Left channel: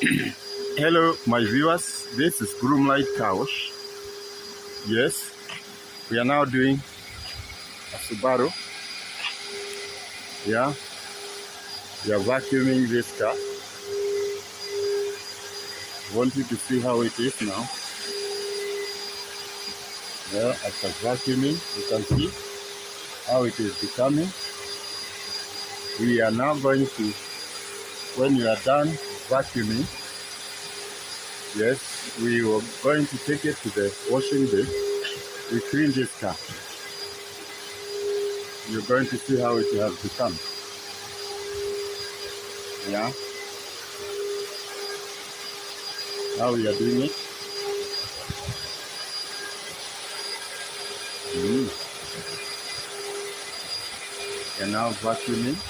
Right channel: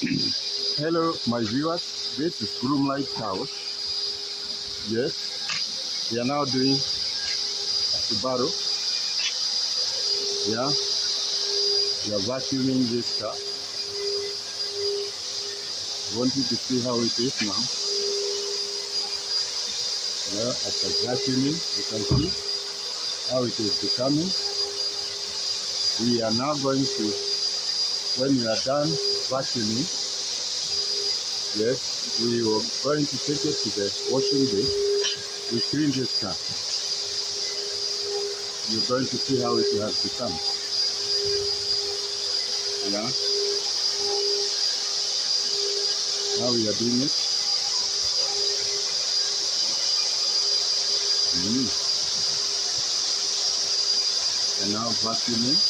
Hello, my viewers. This is Groomlight Couch. Yes, we are now doing a Subaru. Yeah, we are vacuuming this car. Want you to see how it is now. Yeah, after vacuuming, you can see how it is becoming. We are now going to, when you are done vacuuming, yes, we were going to take it to the washing bay. We clean this car. You're going to see how it has become. Yeah, how we are doing it. We are now vacuuming.